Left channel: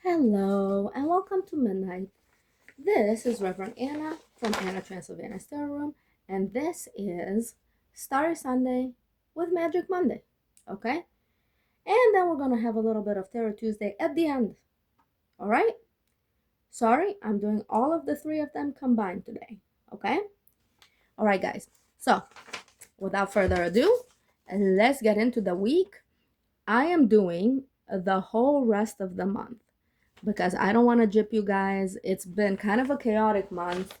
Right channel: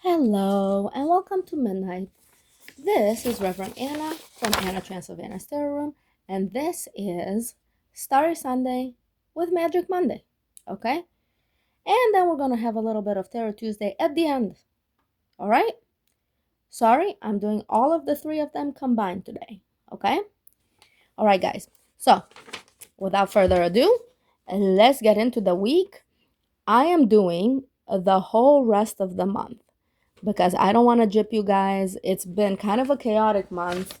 Hello and welcome to Midnight. This is Reverend Anna from Anna Transylvania Tarot Room, and this is Starry Sunday with Magic Monday. Okay? And then we're gonna have a little bit of Tarot Tuesday at the end. Alright? Sorry, I'm doing all of the three of them combined today. Okay? Alright, guys. So, without further ado, let's get into the week. I am doing the whole rest of the month, because I don't want to jip you guys. It's been kind of a chaotic month.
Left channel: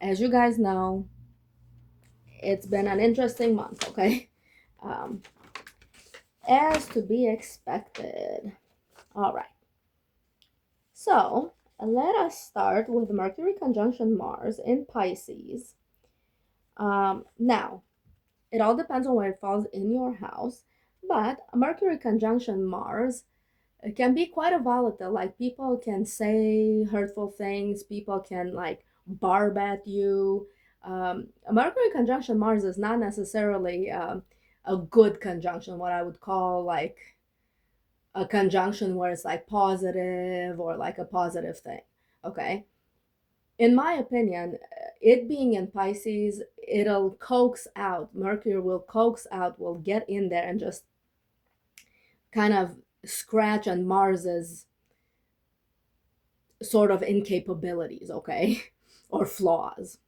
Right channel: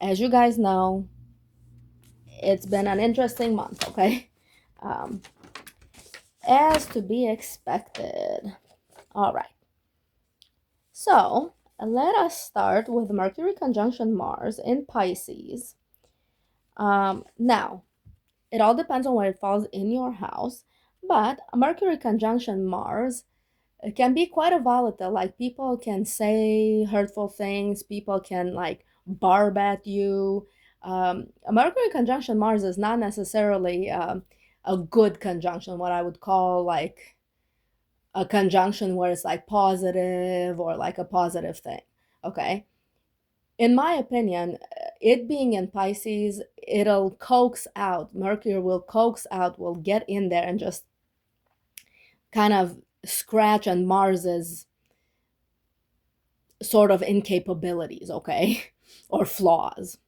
As you guys know, it's been an interesting month, okay? Um, as to be expected. All right. So let us start with Mercury conjunction Mars in Pisces. Now, it all depends on where it falls in your house, but a Mercury conjunction Mars, it can be quite a volatile. Like, people can say hurtful things, people can like barb at you. A Mercury conjunction Mars is not necessarily a good conjunction, what I would call like a conjunction where it's like positive or like a positive thing. Okay. In my opinion, it being in Pisces, it'll coax out, Mercury will coax out, will get in there and just kind of scratch on Mars's sort of incapabilities, okay, or flaws.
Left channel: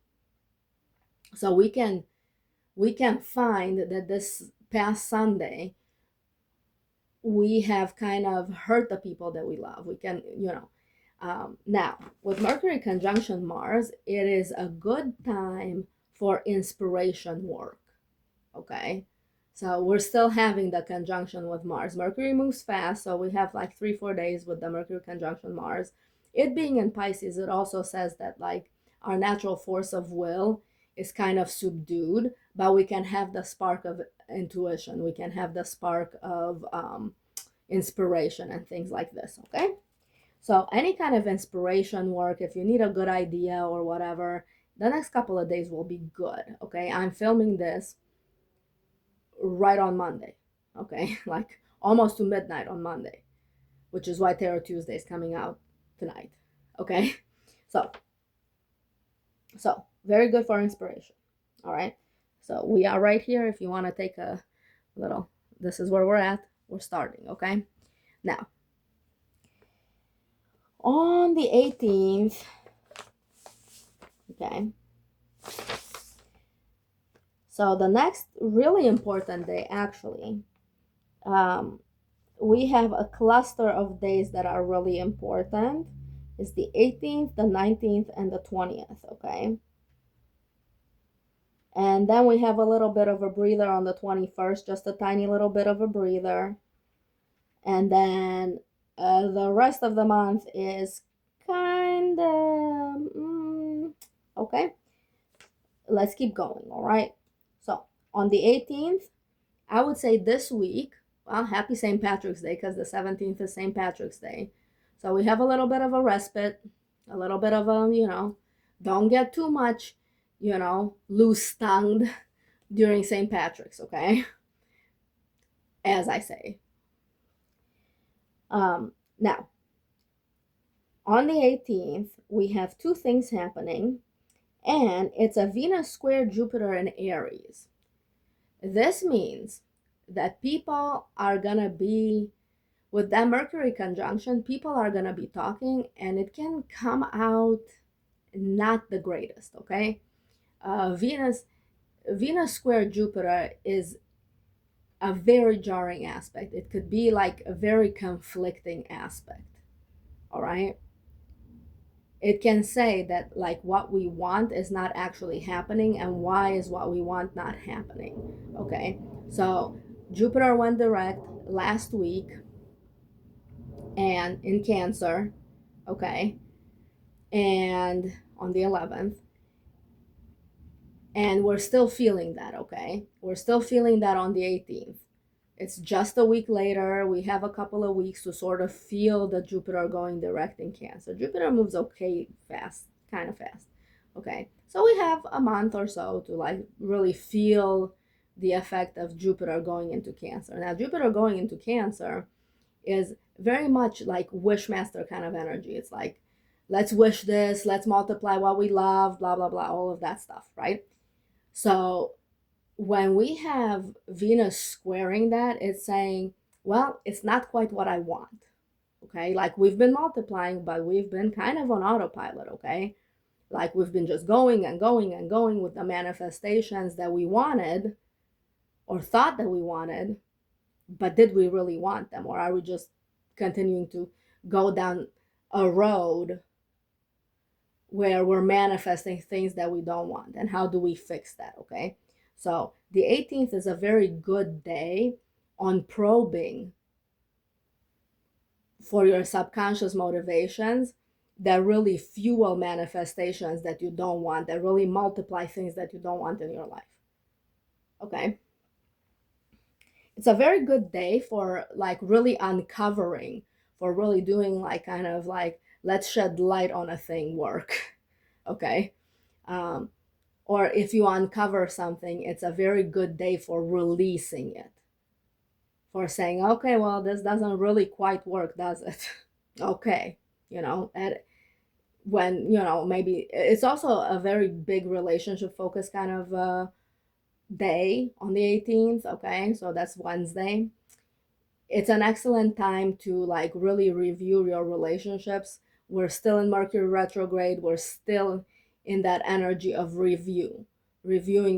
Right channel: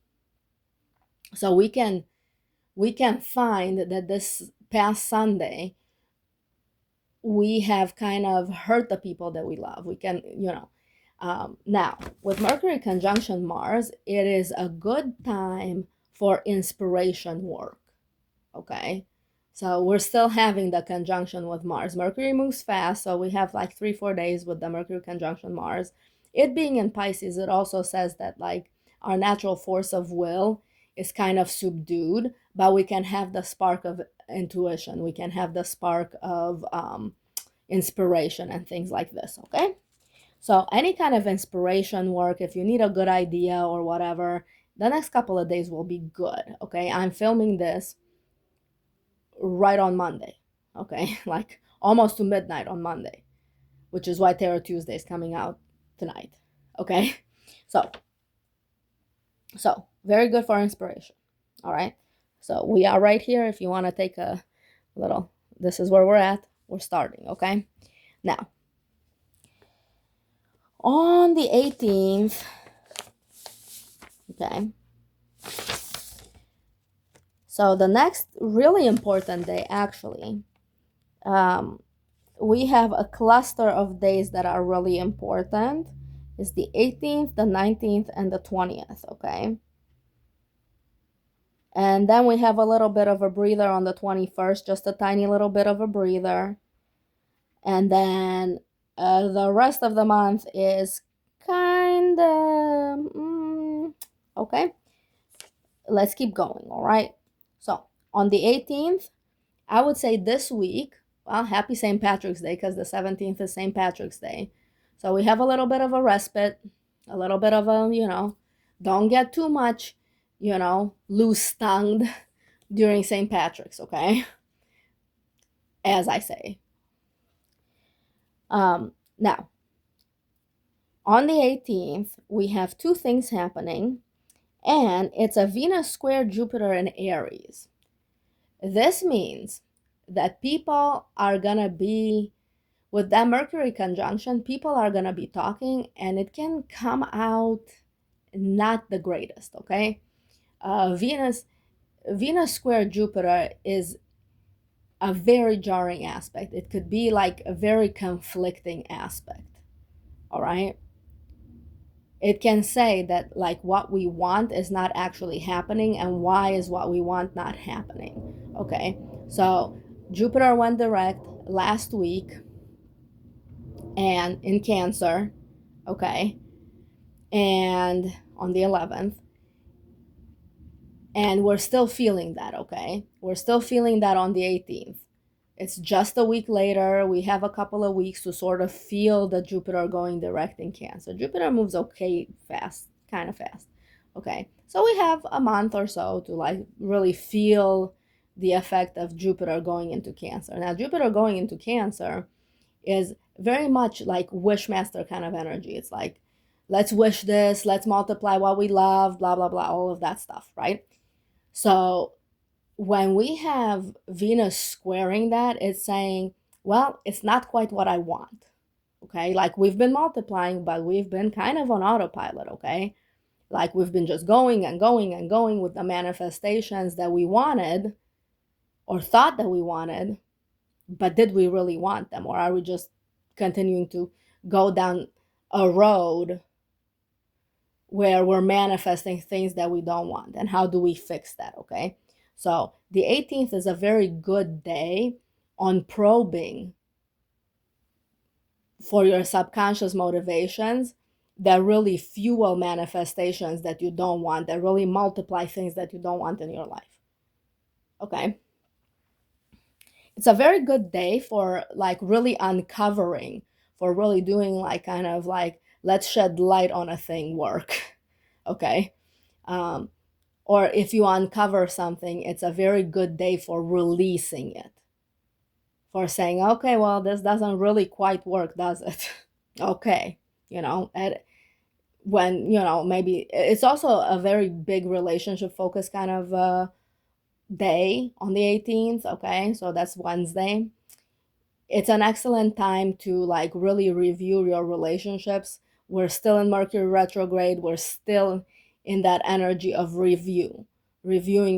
So we can find that this past Sunday we have kind of hurt the people that we love. We can, now with Mercury conjunction Mars, it is a good time for inspiration work. Okay, so we're still having the conjunction with Mars. Mercury moves fast, so we have like 3-4 days with the Mercury conjunction Mars. It being in Pisces, it also says that like our natural force of will is kind of subdued, but we can have the spark of intuition. We can have the spark of inspiration and things like this. Okay, so any kind of inspiration work, if you need a good idea or whatever, the next couple of days will be good. Okay, I'm filming this right on Monday. Okay, like almost to midnight on Monday, which is why Tarot Tuesday is coming out tonight. Okay, so very good for inspiration. All right, so we are right here. If you want to take a little, this is where we're at. We're starting. Okay, now on the 18th. Okay, so the next really important day, actually, we have a cluster of days that are really important. It's the 18th, the 19th, and the 20th. Okay, and then we have a little bit of a breather on the 21st, just a tiny little bit of a breather. And then the rest of the month is kind of okay. Let's keep going. All right, so on the 18th, I would say this week, well, happy St. Patrick's Day, because the 17th is St. Patrick's Day. So we have a little bit of a respite, a little bit of a, don't get too much, loose tongued during St. Patrick's, okay? As I say. Now, on the 18th, we have two things happening, and it's a Venus square Jupiter in Aries. This means that people are gonna be, with that Mercury conjunction, people are gonna be talking, and it can come out not the greatest. Okay, Venus square Jupiter is a very jarring aspect. It could be like a very conflicting aspect. All right, it can say that like what we want is not actually happening, and why is what we want not happening. Okay, so Jupiter went direct last week and in Cancer. Okay, and on the 11th, and we're still feeling that. Okay, we're still feeling that on the 18th. It's just a week later. We have a couple of weeks to sort of feel the Jupiter going direct in Cancer. Jupiter moves okay fast, kind of fast. Okay, so we have a month or so to like really feel the effect of Jupiter going into Cancer. Now, Jupiter going into Cancer is very much like wishmaster kind of energy. It's like, let's wish this, let's multiply what we love, blah, blah, blah, all of that stuff, right? So when we have Venus squaring that, it's saying, well, it's not quite what I want. Okay, like we've been multiplying, but we've been kind of on autopilot. Okay, like we've been just going and going and going with the manifestations that we wanted or thought that we wanted, but did we really want them, or are we just continuing to go down a road where we're manifesting things that we don't want? And how do we fix that? Okay, so the 18th is a very good day on probing for your subconscious motivations that really fuel manifestations that you don't want, that really multiply things that you don't want in your life. Okay, it's a very good day for like really uncovering, for really doing like kind of like, let's shed light on a thing work. Okay, um, or if you uncover something, it's a very good day for releasing it, for saying, okay, well, this doesn't really quite work, does it? Okay, and when, maybe it's also a very big relationship focus kind of day on the 18th. Okay, so that's Wednesday. It's an excellent time to like really review your relationships. We're still in Mercury retrograde. We're still in that energy of reviewing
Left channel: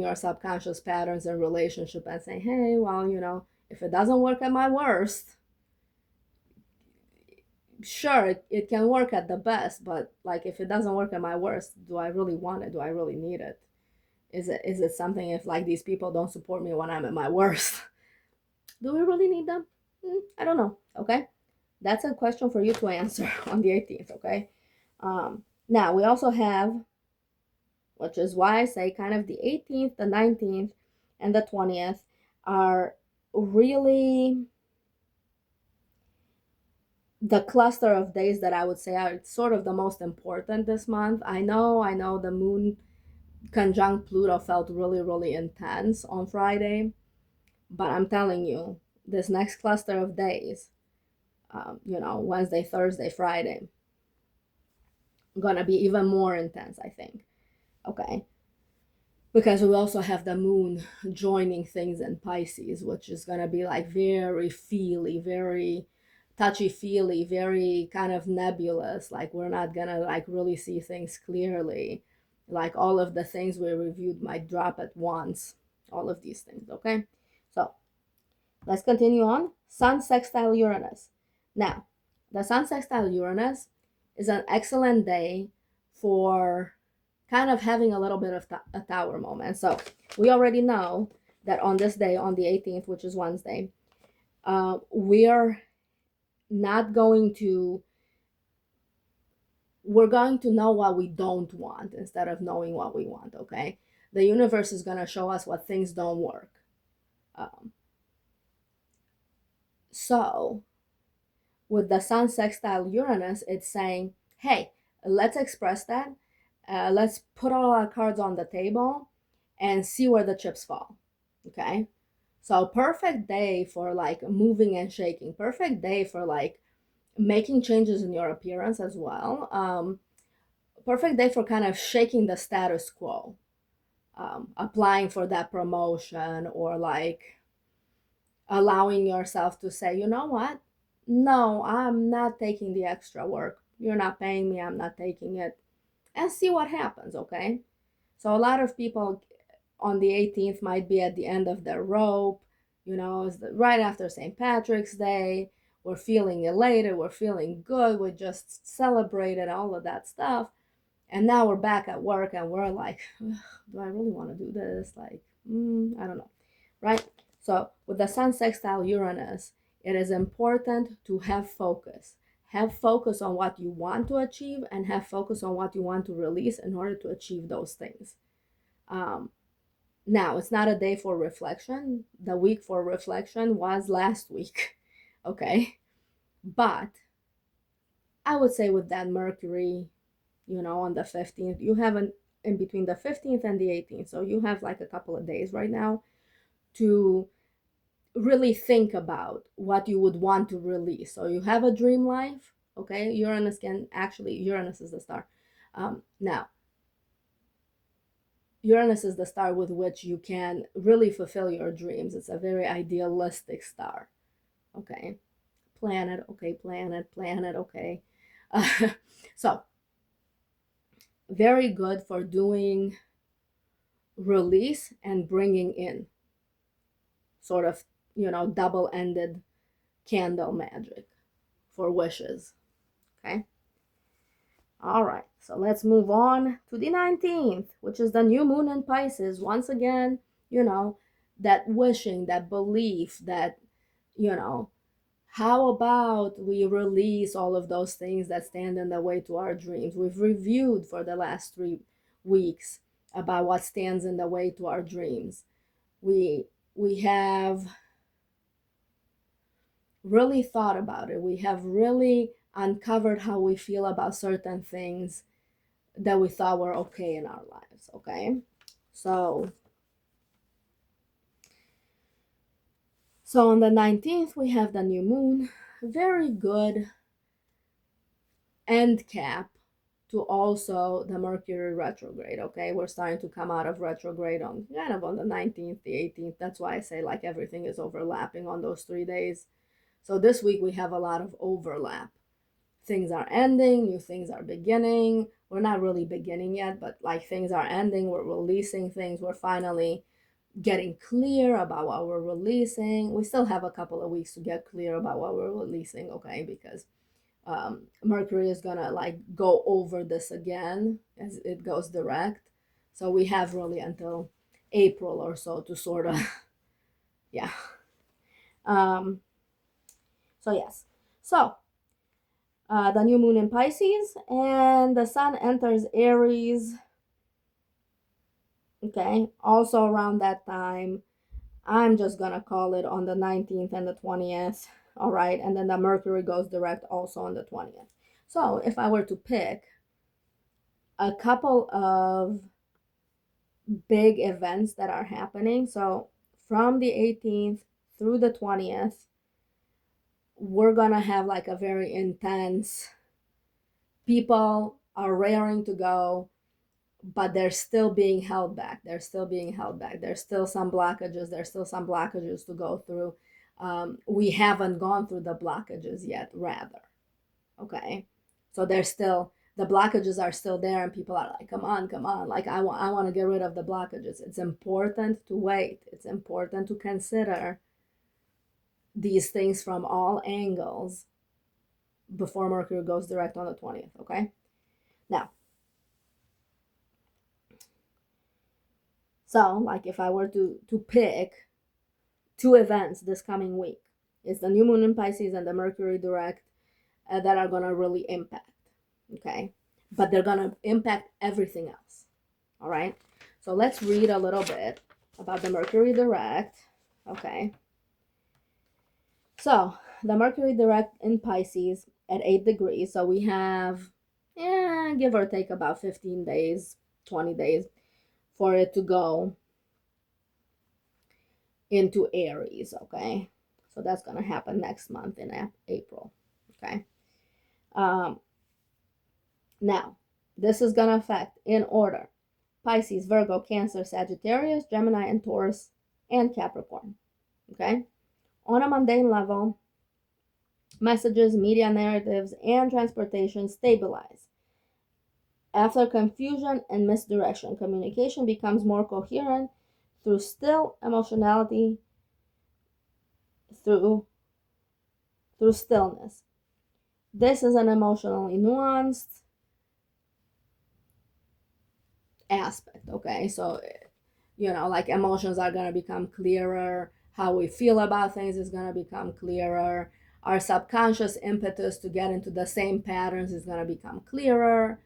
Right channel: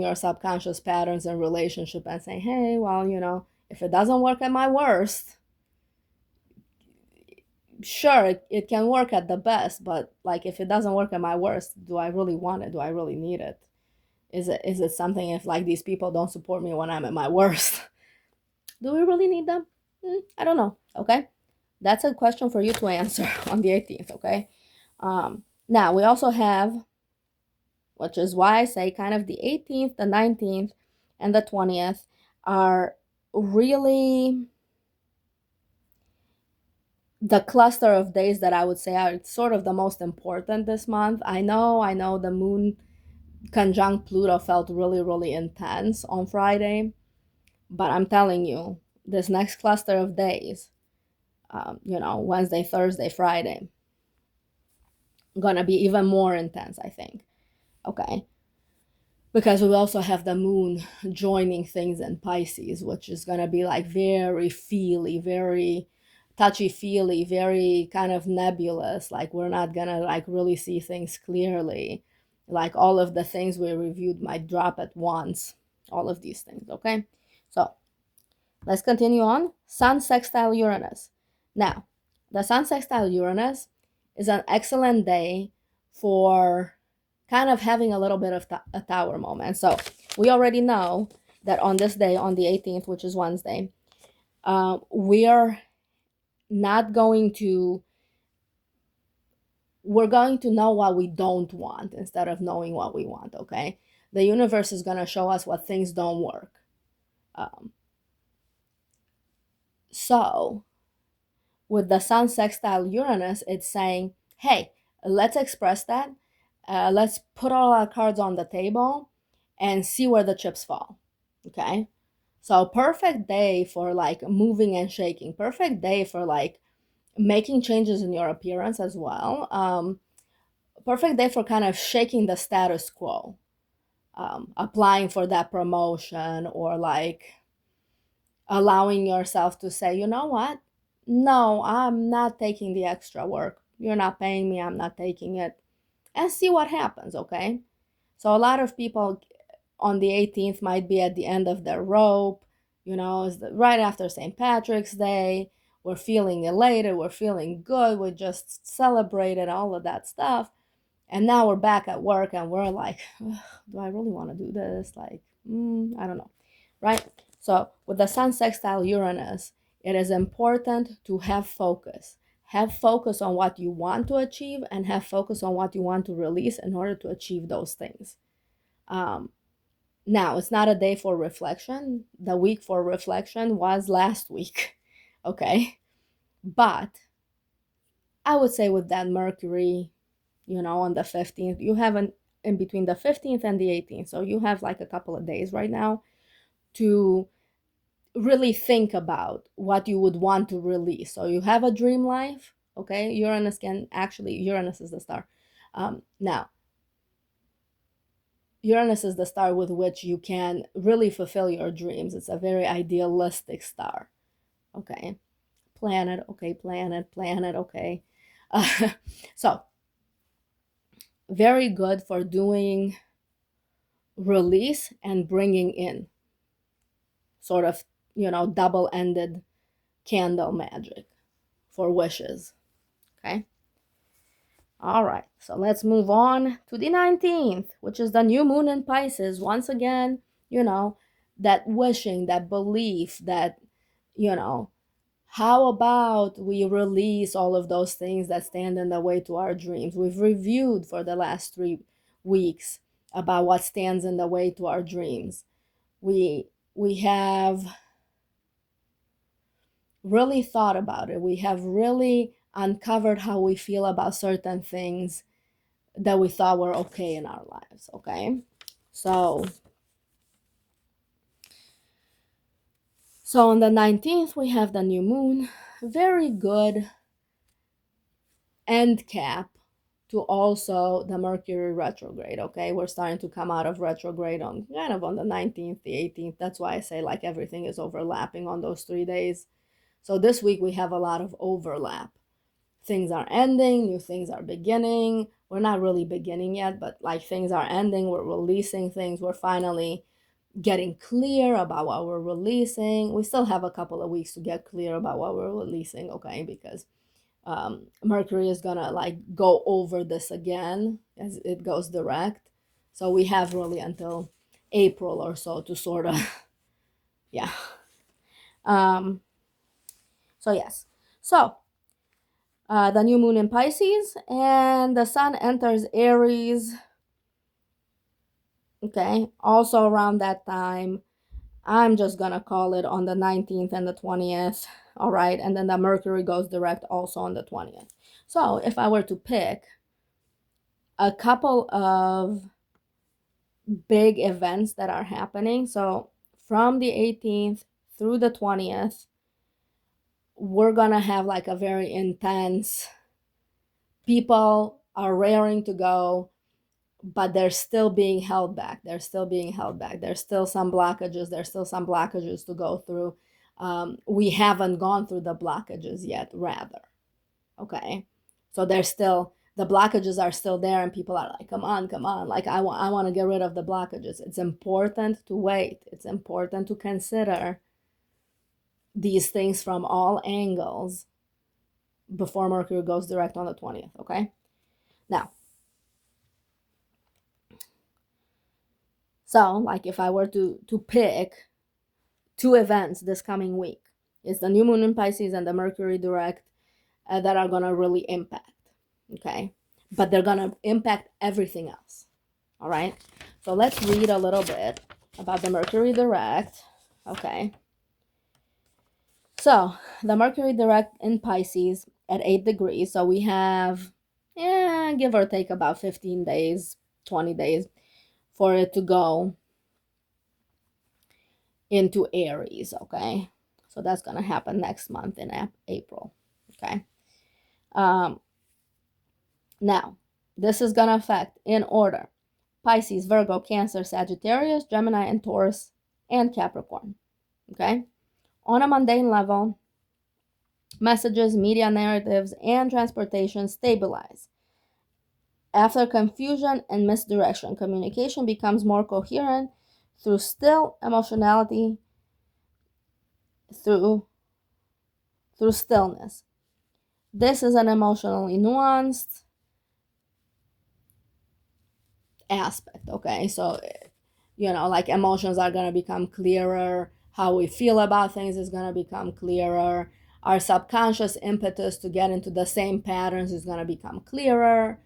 your subconscious patterns and relationship and saying, hey, well, if it doesn't work at my worst, sure, it can work at the best, but like if it doesn't work at my worst, do I really want it? Do I really need it? Is it something, if like these people don't support me when I'm at my worst, do we really need them? I don't know. Okay, that's a question for you to answer on the 18th. Okay, now we also have, which is why I say kind of the 18th, the 19th, and the 20th are really the cluster of days that I would say are sort of the most important this month. I know the moon conjunct Pluto felt really, really intense on Friday, but I'm telling you, this next cluster of days, Wednesday, Thursday, Friday, gonna be even more intense, I think. Okay, because we also have the moon joining things in Pisces, which is going to be like very feely, very touchy feely, very kind of nebulous. Like we're not going to like really see things clearly. Like all of the things we reviewed might drop at once, all of these things. Okay, so let's continue on. Sun sextile Uranus. Now, the Sun sextile Uranus is an excellent day for kind of having a little bit of a tower moment. So we already know that on this day, on the 18th, which is Wednesday, we are not going to, we're going to know what we don't want instead of knowing what we want. Okay, the universe is going to show us what things don't work. So with the Sun sextile Uranus, it's saying, hey, let's express that. Let's put all our cards on the table and see where the chips fall. Okay, so perfect day for like moving and shaking. Perfect day for like making changes in your appearance as well. Perfect day for kind of shaking the status quo. Applying for that promotion, or like allowing yourself to say, you know what? No, I'm not taking the extra work. You're not paying me, I'm not taking it. And see what happens, okay? So a lot of people on the 18th might be at the end of their rope, it's right after St. Patrick's Day. We're feeling elated, we're feeling good, we just celebrated all of that stuff. And now we're back at work and we're like, do I really want to do this? Like, I don't know, right? So with the Sun sextile Uranus, it is important to have focus. Have focus on what you want to achieve and have focus on what you want to release in order to achieve those things. Now, it's not a day for reflection. The week for reflection was last week, okay? But I would say with that Mercury, on the 15th, you have in between the 15th and the 18th. So you have like a couple of days right now to really think about what you would want to release. So you have a dream life, okay? Uranus is the star. Now, Uranus is the star with which you can really fulfill your dreams. It's a very idealistic star, okay? Planet, okay, planet, okay. Uh, so, very good for doing release and bringing in, sort of, double-ended candle magic for wishes, okay? All right, so let's move on to the 19th, which is the new moon in Pisces. Once again, that wishing, that belief, that, how about we release all of those things that stand in the way to our dreams? We've reviewed for the last 3 weeks about what stands in the way to our dreams. We have really thought about it. We have really uncovered how we feel about certain things that we thought were okay in our lives, okay? So on the 19th, we have the new moon. Very good end cap to also the Mercury retrograde, okay? We're starting to come out of retrograde on the 19th, the 18th. That's why I say like everything is overlapping on those 3 days. So this week we have a lot of overlap. Things are ending, new things are beginning. We're not really beginning yet, but like things are ending, we're releasing things, we're finally getting clear about what we're releasing. We still have a couple of weeks to get clear about what we're releasing, okay? Because Mercury is gonna like go over this again as it goes direct. So we have really until April or so to sort of, yeah. So yes. So the new moon in Pisces, and the sun enters Aries, okay, also around that time. I'm just gonna call it on the 19th and the 20th, all right, and then the Mercury goes direct also on the 20th. So if I were to pick a couple of big events that are happening, so from the 18th through the 20th, we're gonna have like a very intense, people are raring to go, but they're still being held back. There's still some blockages to go through. We haven't gone through the blockages yet, rather. Okay. So the blockages are still there, and people are like, come on. Like, I want to get rid of the blockages. It's important to wait. It's important to consider these things from all angles before Mercury goes direct on the 20th. Okay. Now, so, like, if I were to pick 2 events this coming week, it's the new moon in Pisces and the Mercury direct that are going to really impact, okay? But they're going to impact everything else, all right? So let's read a little bit about the Mercury direct, okay? So the Mercury direct in Pisces at 8 degrees, so we have, give or take about 15 days, 20 days for it to go into Aries, okay? So that's going to happen next month in April, okay? Now, this is going to affect, in order, Pisces, Virgo, Cancer, Sagittarius, Gemini, and Taurus, and Capricorn, okay? On a mundane level, messages, media narratives, and transportation stabilize. After confusion and misdirection, communication becomes more coherent through still emotionality, through stillness. This is an emotionally nuanced aspect, okay? So, like, emotions are going to become clearer. How we feel about things is going to become clearer. Our subconscious impetus to get into the same patterns is going to become clearer.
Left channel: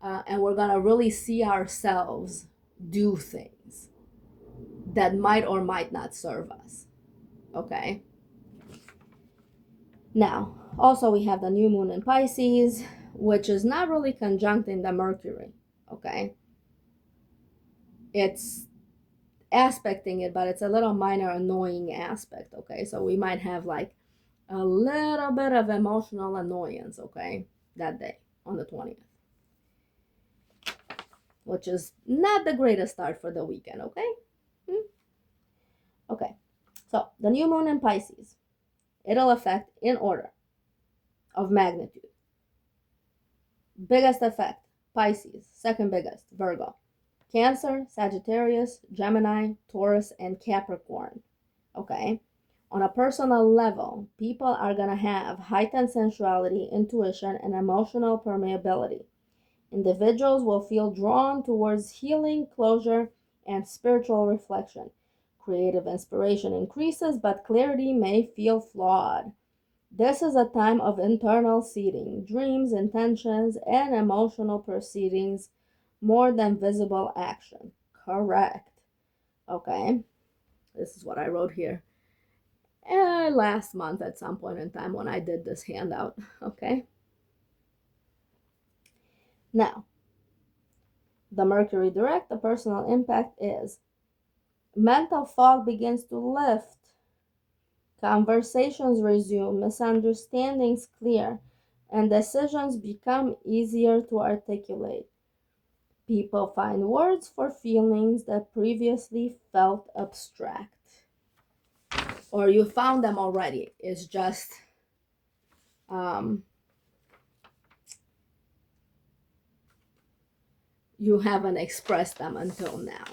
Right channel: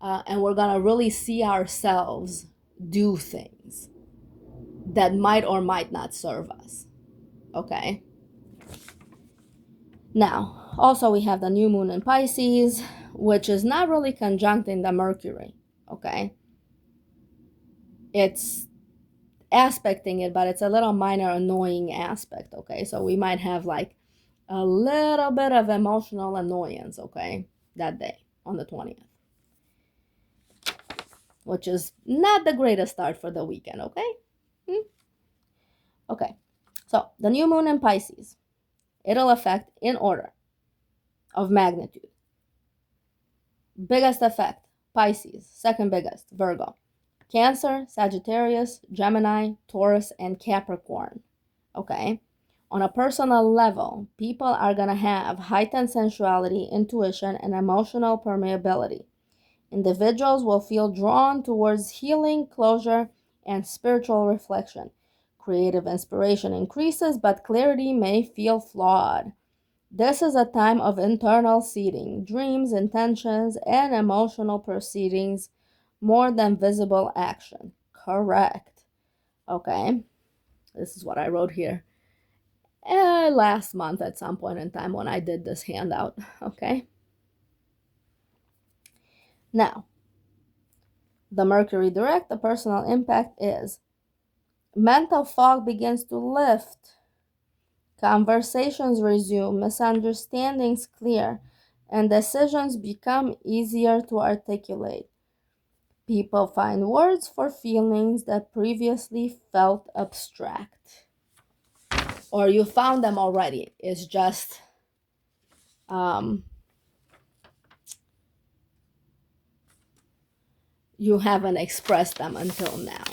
And we're going to really see ourselves do things that might or might not serve us, okay? Now, also we have the new moon in Pisces, which is not really conjuncting the Mercury, okay? It's aspecting it, but it's a little minor annoying aspect, okay? So we might have like a little bit of emotional annoyance, okay, that day on the 20th, which is not the greatest start for the weekend, okay? Okay, so the new moon in Pisces, it'll affect in order of magnitude. Biggest effect, Pisces. Second biggest, Virgo. Cancer, Sagittarius, Gemini, Taurus, and Capricorn. Okay? On a personal level, people are going to have heightened sensuality, intuition, and emotional permeability. Individuals will feel drawn towards healing, closure, and spiritual reflection. Creative inspiration increases, but clarity may feel flawed. This is a time of internal seeding, dreams, intentions, and emotional proceedings more than visible action. Correct. Okay. This is what I wrote here last month at some point in time when I did this handout. Okay. Now, the Mercury direct, the personal impact is mental fog begins to lift. Conversations resume, misunderstandings clear, and decisions become easier to articulate. People find words for feelings that previously felt abstract. Or you found them already. It's just you haven't expressed them until now.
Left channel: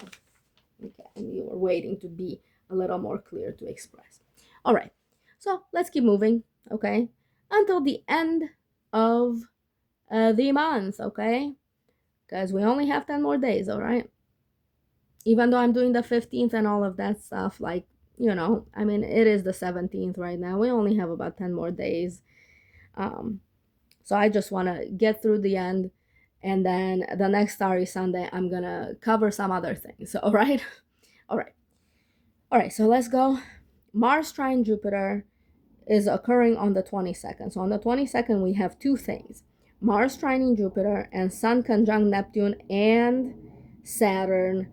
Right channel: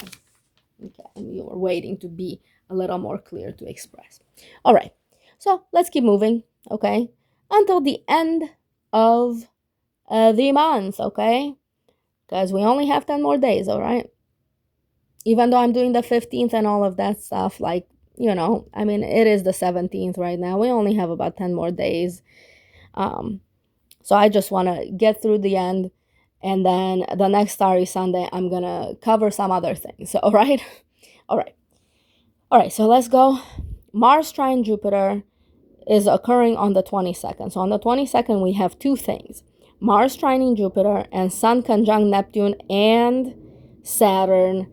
Okay, and you were waiting to be a little more clear to express. All right, so let's keep moving, okay, until the end of the month, okay, because we only have 10 more days, all right? Even though I'm doing the 15th and all of that stuff, like, you know, I mean, it is the 17th right now. We only have about 10 more days. So I just want to get through the end. And then the next Starry Sunday, I'm going to cover some other things. So, all right? All right. All right. So let's go. Mars trine Jupiter is occurring on the 22nd. So on the 22nd, we have two things. Mars trining Jupiter and Sun conjunct Neptune and Saturn.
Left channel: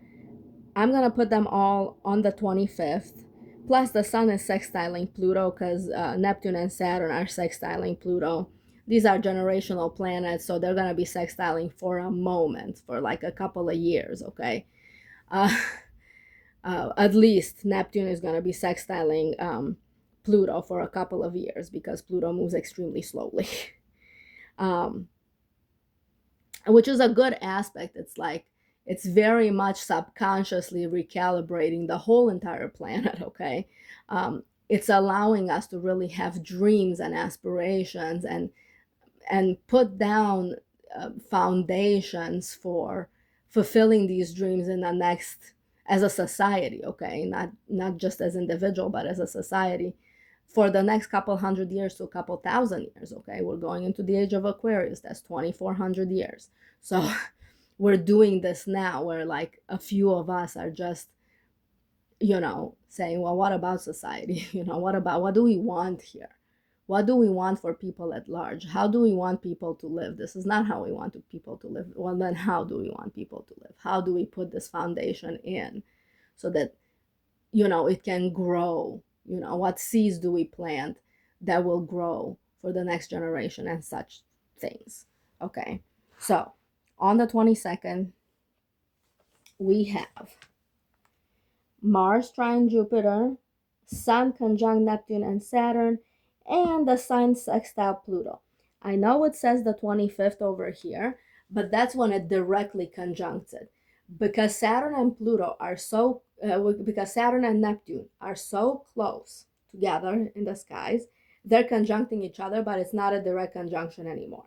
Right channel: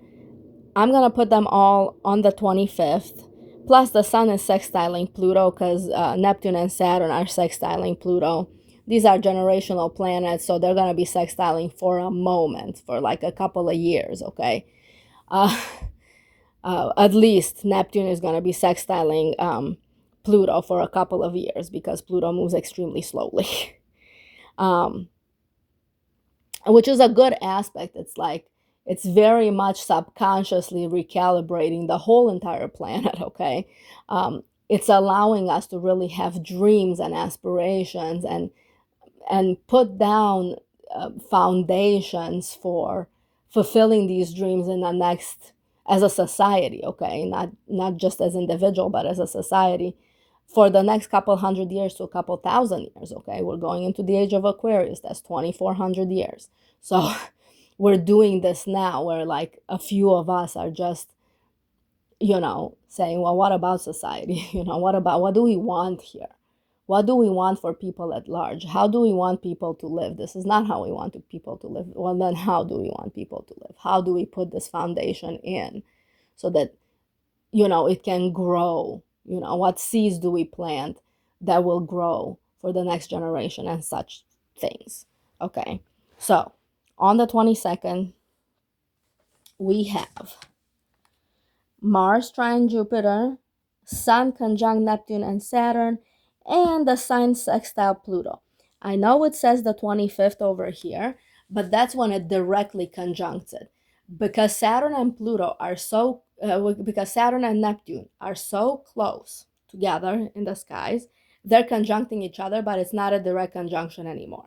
I'm going to put them all on the 25th. Plus, the Sun is sextiling Pluto because Neptune and Saturn are sextiling Pluto. These are generational planets, so they're going to be sextiling for a moment, for like a couple of years, okay? At least Neptune is going to be sextiling Pluto for a couple of years because Pluto moves extremely slowly. Which is a good aspect. It's like, it's very much subconsciously recalibrating the whole entire planet, okay? It's allowing us to really have dreams and aspirations and put down foundations for fulfilling these dreams in the next, as a society, okay? Not just as individual, but as a society for the next couple hundred years to a couple thousand years, okay? We're going into the age of Aquarius. That's 2,400 years. So we're doing this now where like a few of us are just, you know, saying, well, what about society? You know, what do we want here? What do we want for people at large? How do we want people to live? This is not how we want people to live. Well, then how do we want people to live? How do we put this foundation in so that, you know, it can grow? You know, what seeds do we plant that will grow for the next generation and such things? Okay, so on the 22nd, we have Mars trine Jupiter, Sun conjunct Neptune and Saturn, and the sign sextile Pluto. I know it says the 25th over here, but that's when it directly conjuncts it. Because Saturn and Pluto are so, because Saturn and Neptune are so close together in the skies, they're conjuncting each other, but it's not a direct conjunction anymore.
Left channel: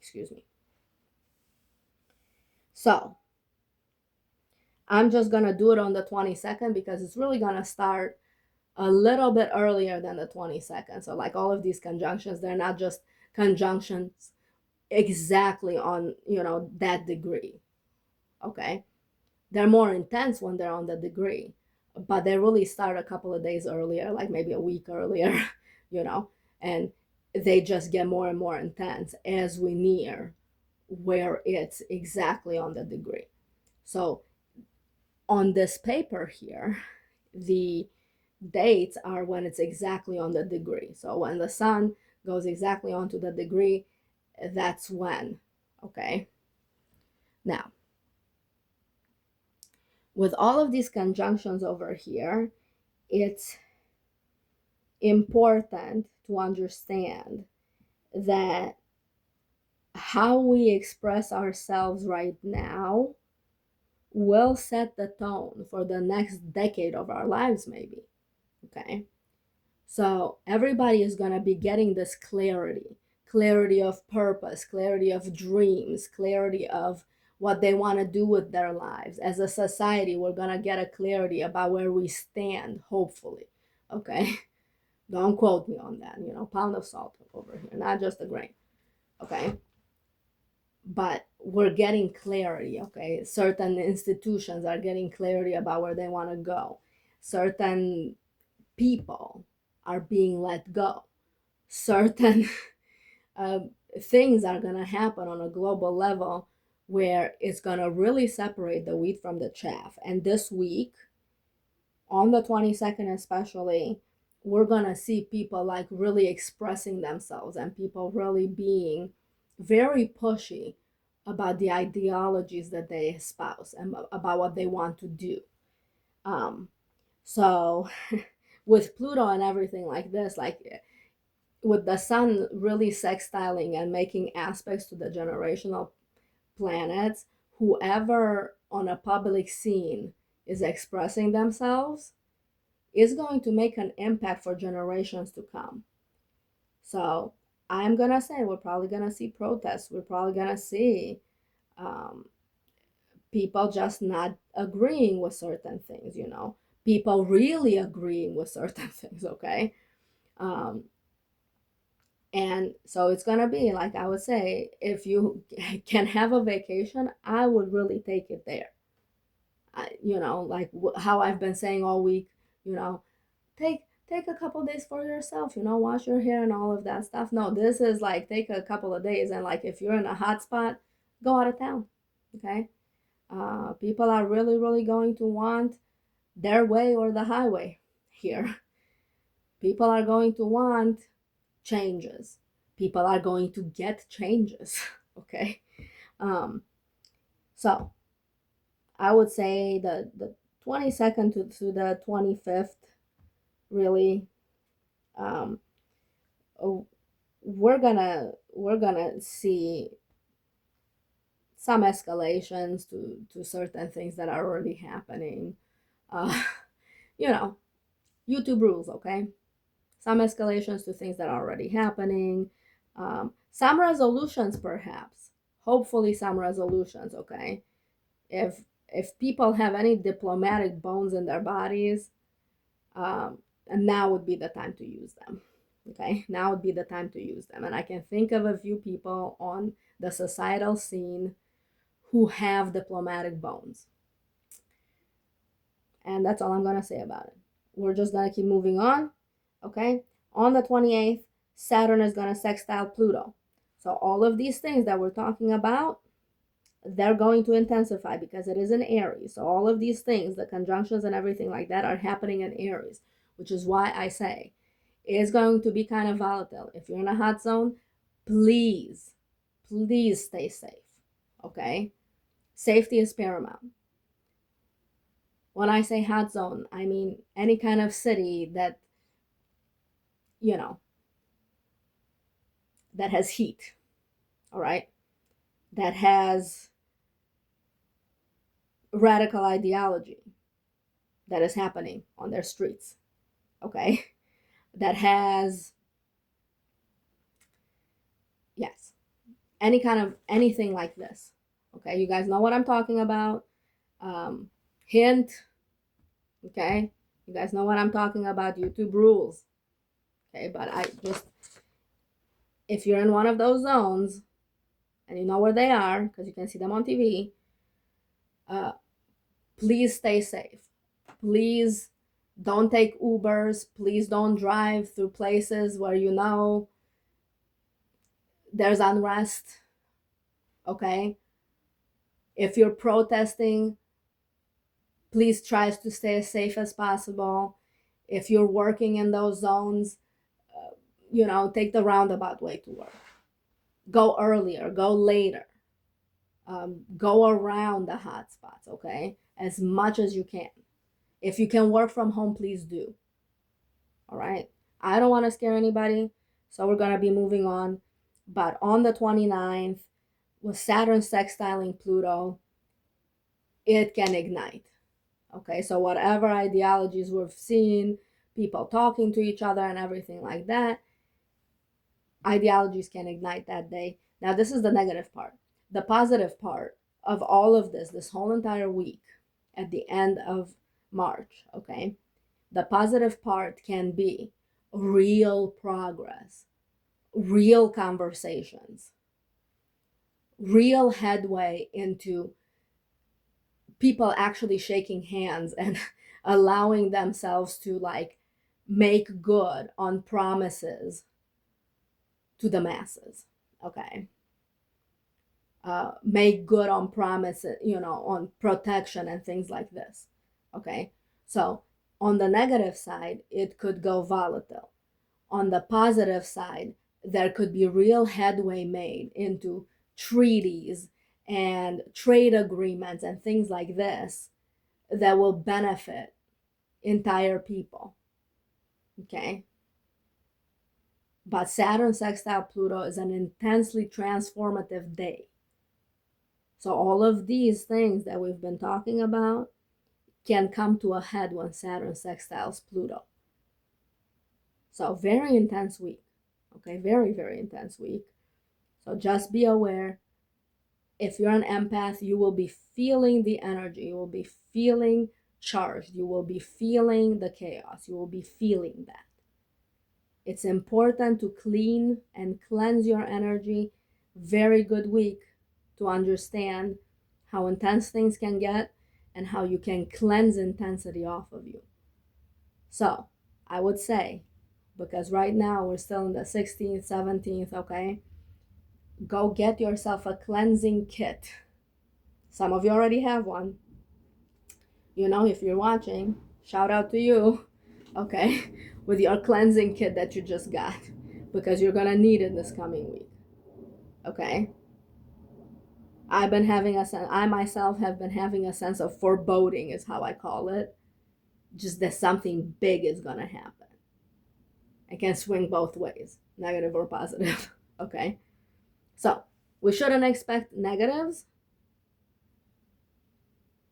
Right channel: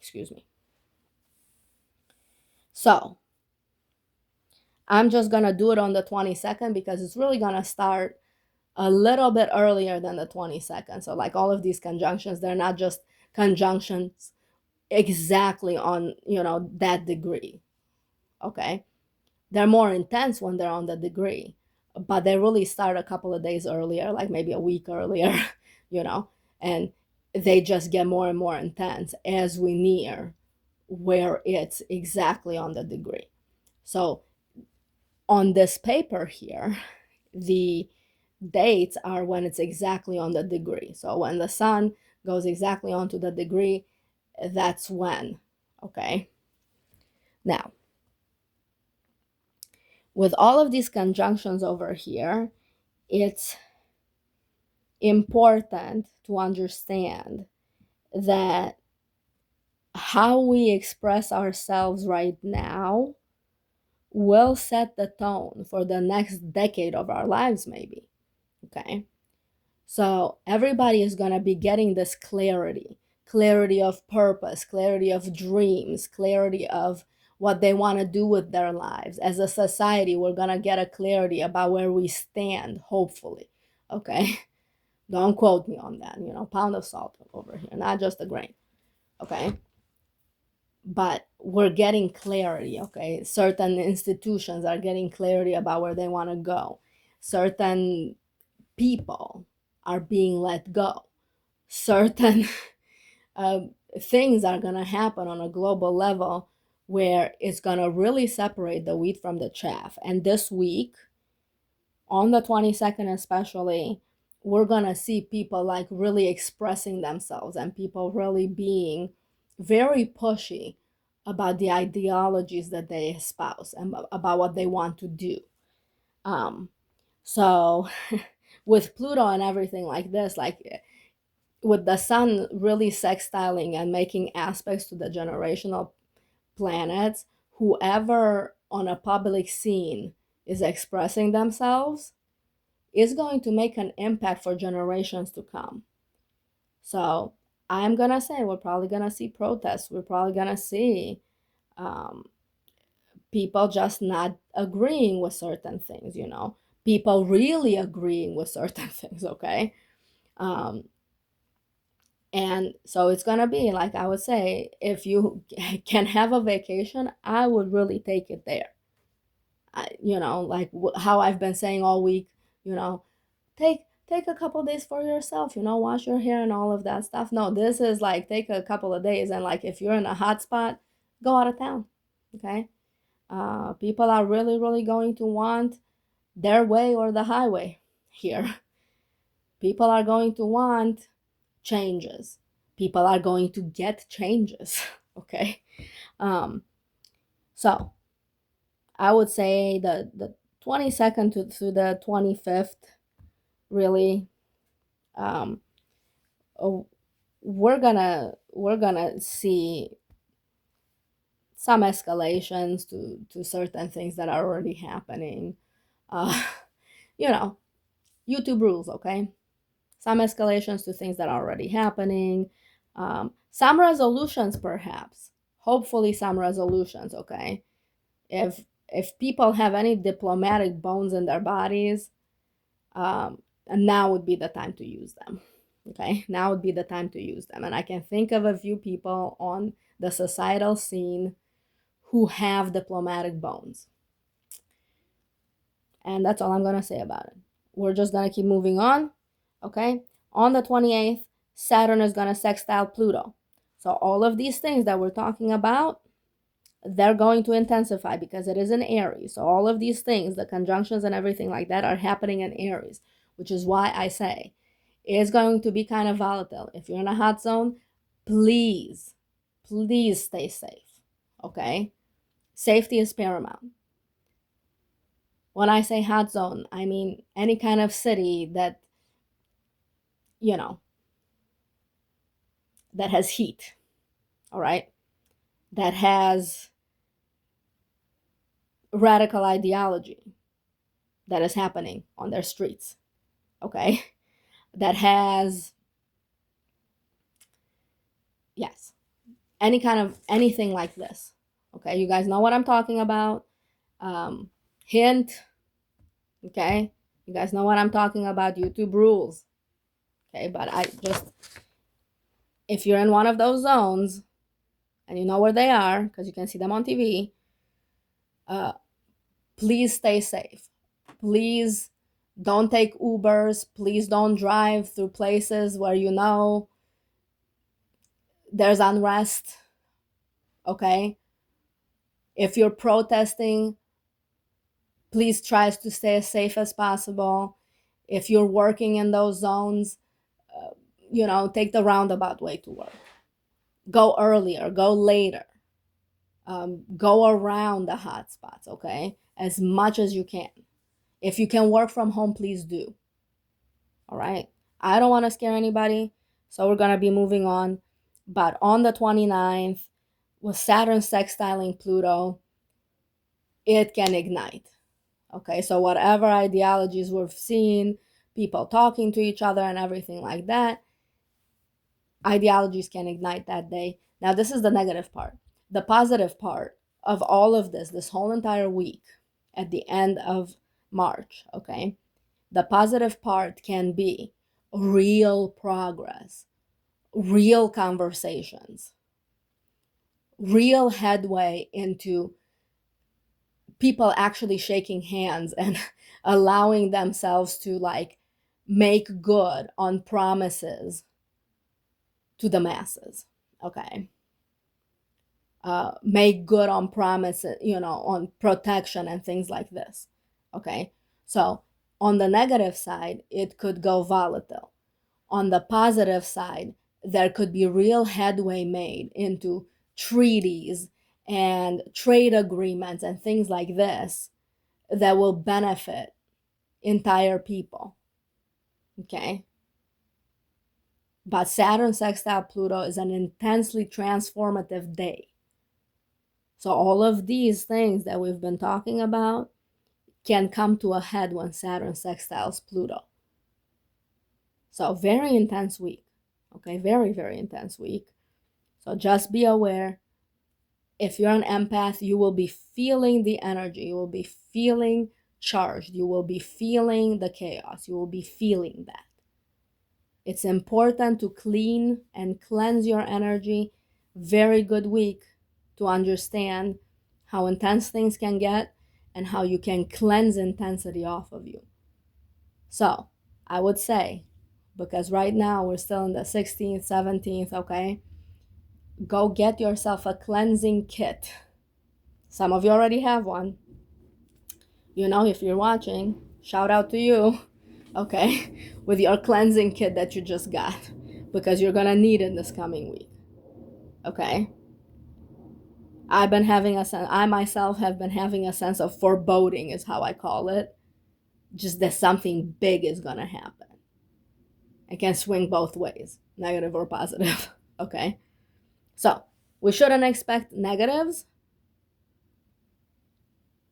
Excuse me. So, I'm just going to do it on the 22nd because it's really going to start a little bit earlier than the 22nd. So like all of these conjunctions, they're not just conjunctions exactly on, you know, that degree. Okay. They're more intense when they're on the degree, but they really start a couple of days earlier, like maybe a week earlier, you know, and they just get more and more intense as we near where it's exactly on the degree. So on this paper here, the dates are when it's exactly on the degree. So when the sun goes exactly onto the degree, that's when, okay? Now, with all of these conjunctions over here, it's important to understand that how we express ourselves right now will set the tone for the next decade of our lives, maybe. Okay. So everybody is going to be getting this clarity of purpose, clarity of dreams, clarity of what they want to do with their lives. As a society, we're going to get a clarity about where we stand, hopefully. Okay. Don't quote me on that, pound of salt over here, not just a grain. Okay. But we're getting clarity. Okay. Certain institutions are getting clarity about where they want to go. Certain people are being let go. Certain uh, things are going to happen on a global level where it's going to really separate the wheat from the chaff. And this week, on the 22nd especially, we're going to see people like really expressing themselves and people really being very pushy about the ideologies that they espouse and about what they want to do. So with Pluto and everything like this, like with the sun really sextiling and making aspects to the generational planets, whoever on a public scene is expressing themselves is going to make an impact for generations to come. So I'm going to say we're probably going to see protests. We're probably going to see um, people just not agreeing with certain things, people really agreeing with certain things, okay? Um, and so it's going to be like I would say, if you can have a vacation, I would really take it there. Like how I've been saying all week, you know, take a couple days for yourself, wash your hair and all of that stuff. No, this is like take a couple of days, and like if you're in a hot spot, go out of town. Okay. People are really, really going to want their way or the highway here. People are going to want changes. People are going to get changes. Okay. Um, so I would say the 22nd to the 25th, really, um, oh, we're gonna see some escalations to certain things that are already happening. Uh, you know, YouTube rules, okay? Some escalations to things that are already happening. Some resolutions, perhaps. Hopefully, some resolutions, okay? If people have any diplomatic bones in their bodies, and now would be the time to use them. Okay, now would be the time to use them. And I can think of a few people on the societal scene who have diplomatic bones. And that's all I'm going to say about it. We're just going to keep moving on. Okay, on the 28th, Saturn is going to sextile Pluto. So all of these things that we're talking about, they're going to intensify because it is in Aries. So all of these things, the conjunctions and everything like that, are happening in Aries, which is why I say it's going to be kind of volatile. If you're in a hot zone, please, please stay safe. Okay? Safety is paramount. When I say hot zone, I mean any kind of city that, that has heat, all right? That has radical ideology that is happening on their streets, okay? That has, yes, any kind of anything like this, okay? You guys know what I'm talking about. Hint, okay? You guys know what I'm talking about. YouTube rules, okay? But I just, if you're in one of those zones and you know where they are because you can see them on TV, please stay safe. Please don't take Ubers. Please don't drive through places where there's unrest, okay? If you're protesting, Please try to stay as safe as possible. If you're working in those zones, take the roundabout way to work. Go earlier, go later, go around the hot spots, okay? As much as you can. If you can work from home, please do. All right. I don't want to scare anybody, so we're going to be moving on. But on the 29th, with Saturn sextiling Pluto, it can ignite. Okay, so whatever ideologies we've seen, people talking to each other and everything like that, ideologies can ignite that day. Now, this is the negative part. The positive part of all of this whole entire week at the end of March, okay, the positive part can be real progress, real conversations, real headway into people actually shaking hands and allowing themselves to like make good on promises to the masses. Okay. Make good on promises, on protection and things like this. Okay. So on the negative side, it could go volatile. On the positive side, there could be real headway made into treaties and trade agreements and things like this that will benefit entire people. Okay. But Saturn sextile Pluto is an intensely transformative day. So all of these things that we've been talking about can come to a head when Saturn sextiles Pluto. So very intense week. Okay, very, very intense week. So just be aware. If you're an empath, you will be feeling the energy. You will be feeling charged. You will be feeling the chaos. You will be feeling that. It's important to clean and cleanse your energy. Very good week to understand how intense things can get and how you can cleanse intensity off of you. So I would say, because right now we're still in the 16th, 17th, okay, go get yourself a cleansing kit. Some of you already have one. If you're watching, shout out to you, okay, with your cleansing kit that you just got, because you're gonna need it this coming week, okay? I myself have been having a sense of foreboding, is how I call it, just that something big is gonna happen. It can swing both ways, negative or positive, okay? So we shouldn't expect negatives,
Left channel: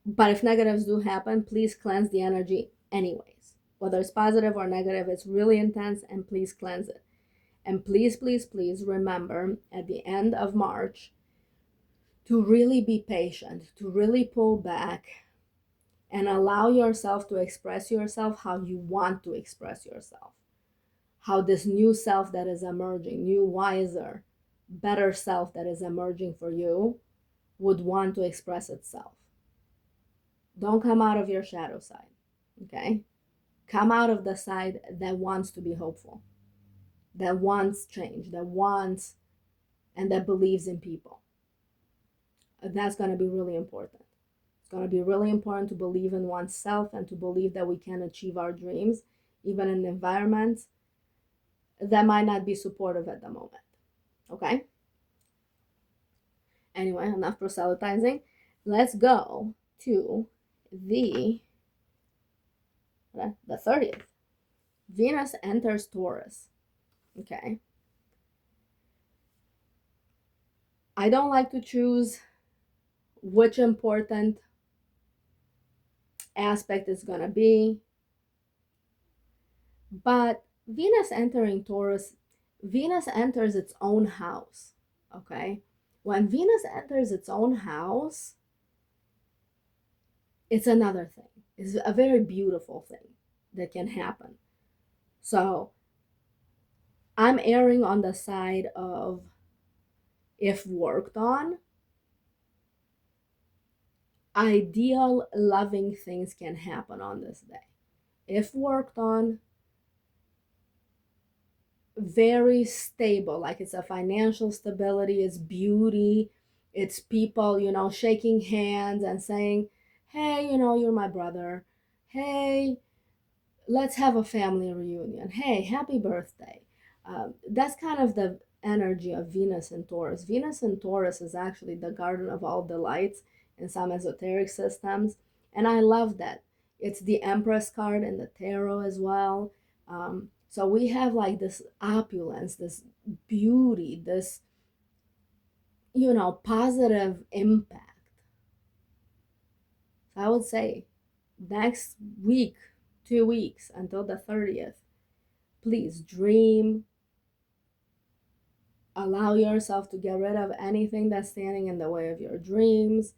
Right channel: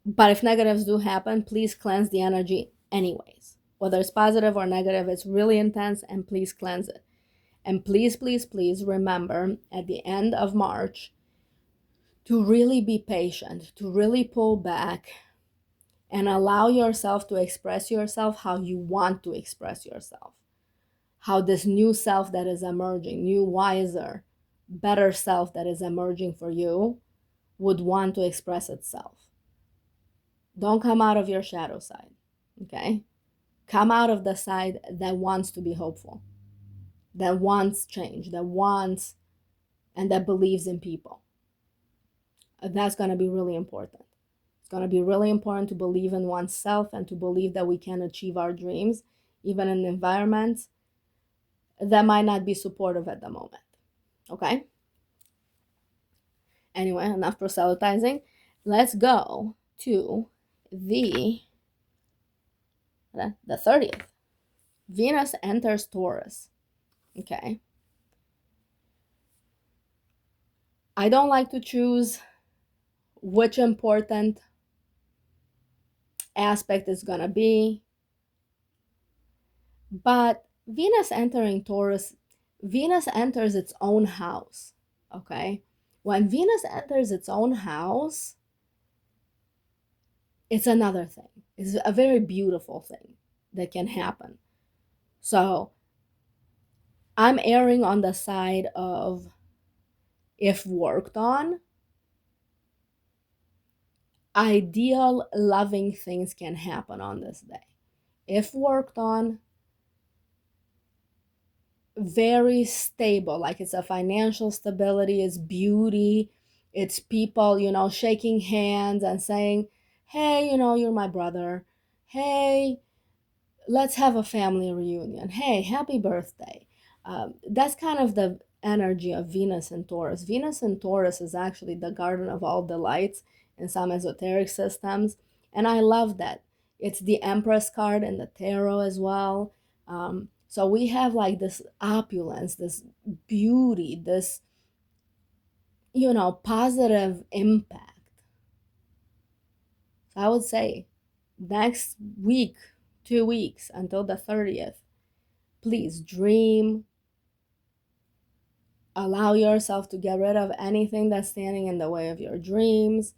but if negatives do happen, please cleanse the energy anyways. Whether it's positive or negative, it's really intense, and please cleanse it. And please, please, please remember at the end of March to really be patient, to really pull back and allow yourself to express yourself how you want to express yourself. How this new self that is emerging, new, wiser, better self that is emerging for you would want to express itself. Don't come out of your shadow side, okay? Come out of the side that wants to be hopeful, that wants change, that wants and that believes in people. That's going to be really important. It's going to be really important to believe in oneself and to believe that we can achieve our dreams, even in environments that might not be supportive at the moment. Okay? Anyway, enough proselytizing. Let's go to the 30th. Venus enters Taurus. Okay. I don't like to choose which important aspect is going to be, but Venus entering Taurus, Venus enters its own house. Okay. When Venus enters its own house, it's another thing. It's a very beautiful thing that can happen. So I'm erring on the side of, if worked on, ideal, loving things can happen on this day. If worked on, very stable, like it's a financial stability, it's beauty, it's people, shaking hands and saying, hey, you're my brother. Hey, let's have a family reunion. Hey, happy birthday. That's kind of the energy of Venus and Taurus. Venus and Taurus is actually the garden of all delights in some esoteric systems. And I love that. It's the Empress card in the tarot as well. So we have like this opulence, this beauty, this, positive impact. So I would say next week, 2 weeks until the 30th, please dream, allow yourself to get rid of anything that's standing in the way of your dreams,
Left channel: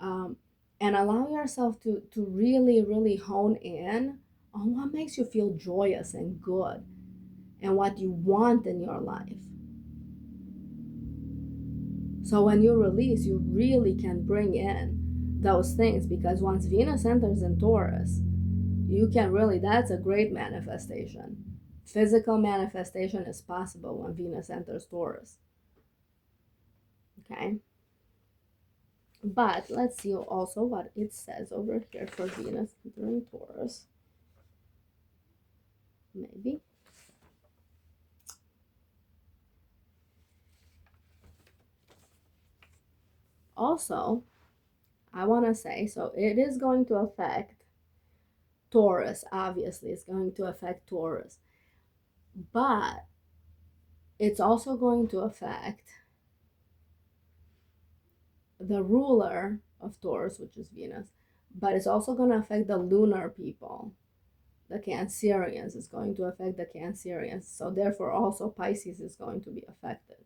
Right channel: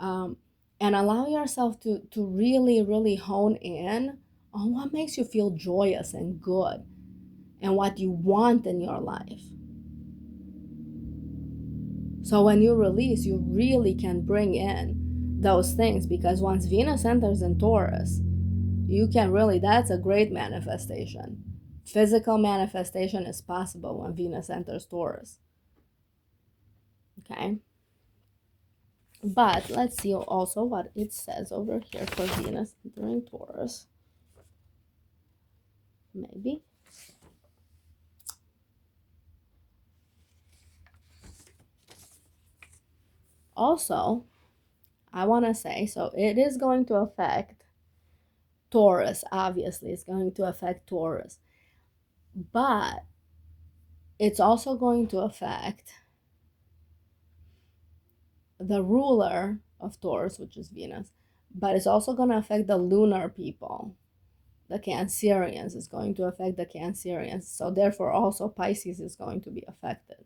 um, and allow yourself to really, really hone in on what makes you feel joyous and good and what you want in your life. So when you release, you really can bring in those things, because once Venus enters in Taurus, you can really, that's a great manifestation. Physical manifestation is possible when Venus enters Taurus. Okay. But let's see also what it says over here for Venus entering Taurus. Maybe. Also, I want to say, so it is going to affect Taurus, obviously, it's going to affect Taurus. But it's also going to affect the ruler of Taurus, which is Venus. But it's also going to affect the lunar people. The Cancerians is going to affect the Cancerians. So therefore also Pisces is going to be affected.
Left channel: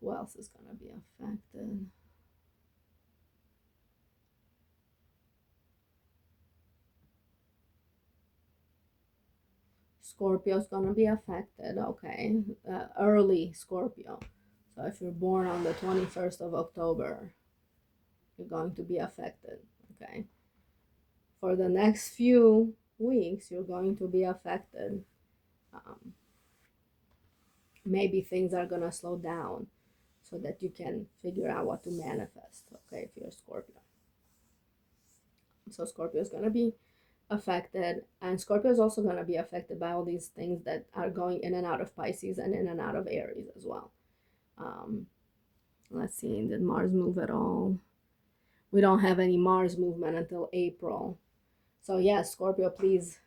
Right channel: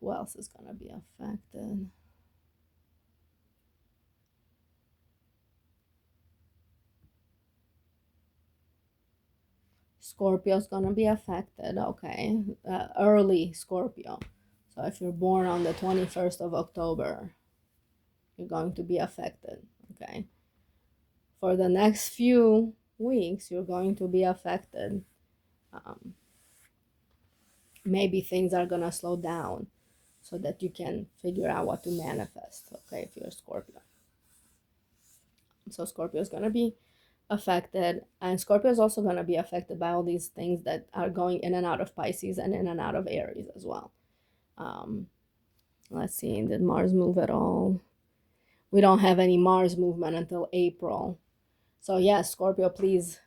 Who else is going to be affected? Scorpio's going to be affected, okay? Early Scorpio. So if you're born on the 21st of October, you're going to be affected, okay? For the next few weeks, you're going to be affected. Maybe things are going to slow down so that you can figure out what to manifest, okay, if you're a Scorpio. So Scorpio is going to be affected, and Scorpio is also going to be affected by all these things that are going in and out of Pisces and in and out of Aries as well. Let's see, did Mars move at all? We don't have any Mars movement until April. So yes, Scorpio, please,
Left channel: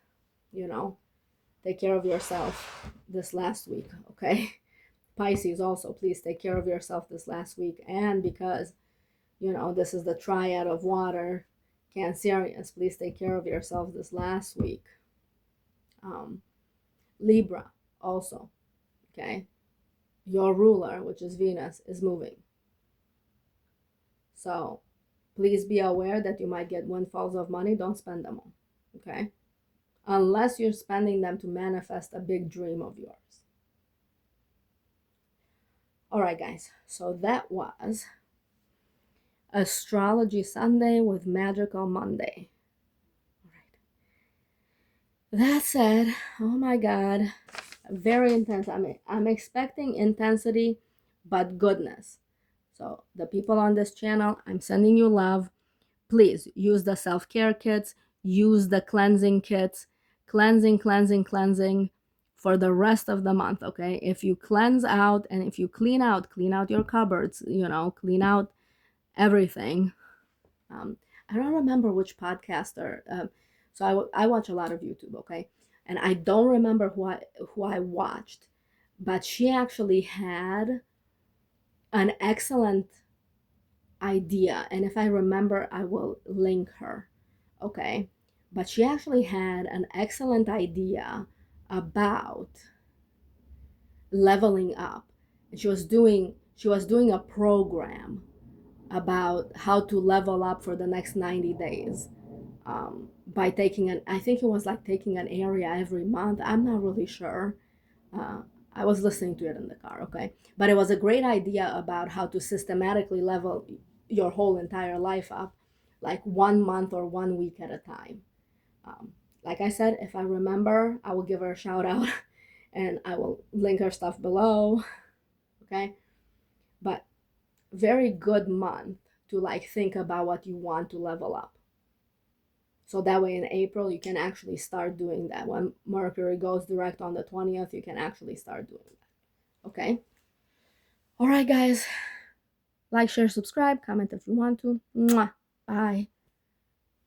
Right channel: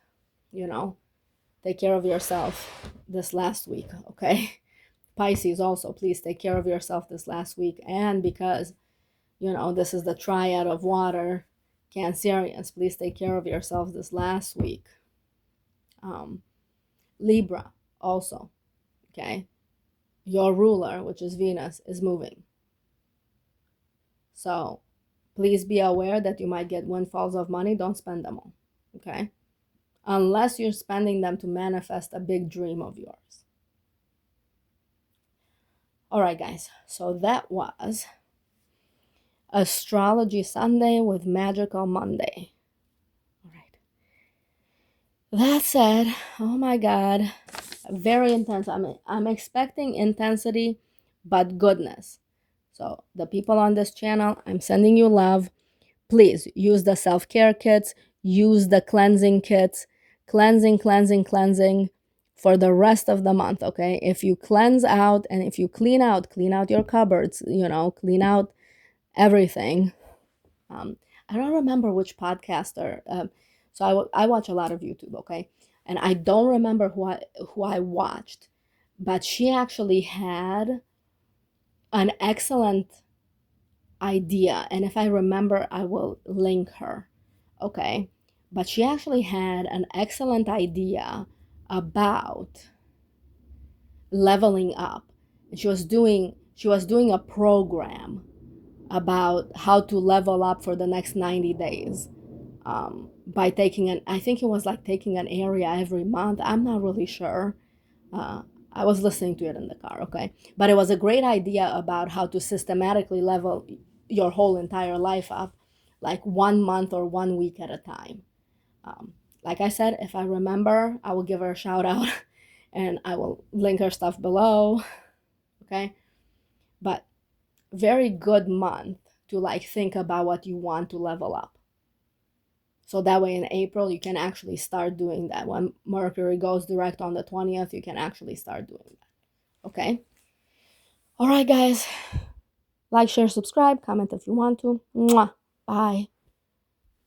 take care of yourself this last week, okay? Pisces also, please take care of yourself this last week. And because, this is the triad of water, Cancerians, please take care of yourselves this last week. Libra also, okay? Your ruler, which is Venus, is moving. So please be aware that you might get windfalls of money. Don't spend them all, okay? Unless you're spending them to manifest a big dream of yours. All right, guys. So that was Astrology Sunday with Magical Monday. All right. That said, oh my God, very intense. I'm expecting intensity, but goodness. So the people on this channel, I'm sending you love. Please use the self-care kits, use the cleansing kits, cleansing for the rest of the month, okay? If you cleanse out and if you clean out your cupboards, clean out everything. I don't remember which podcaster. So I watch a lot of YouTube, okay? And I don't remember who I watched, but she actually had an excellent idea, and if I remember, I will link her, okay? But she actually had an excellent idea about leveling up. And she was doing a program about how to level up for the next 90 days, by I think it was like taking an area every month. I'm not really sure. I was listening to it in the car, okay? But it was a great idea about how to systematically level your whole entire life up, like 1 month or 1 week at a time. Like I said, if I remember, I will give her a shout out and I will link her stuff below, okay? But very good month to like think about what you want to level up. So that way in April, you can actually start doing that. When Mercury goes direct on the 20th, you can actually start doing that. Okay? All right, guys. Like, share, subscribe, comment if you want to. Mwah. Bye.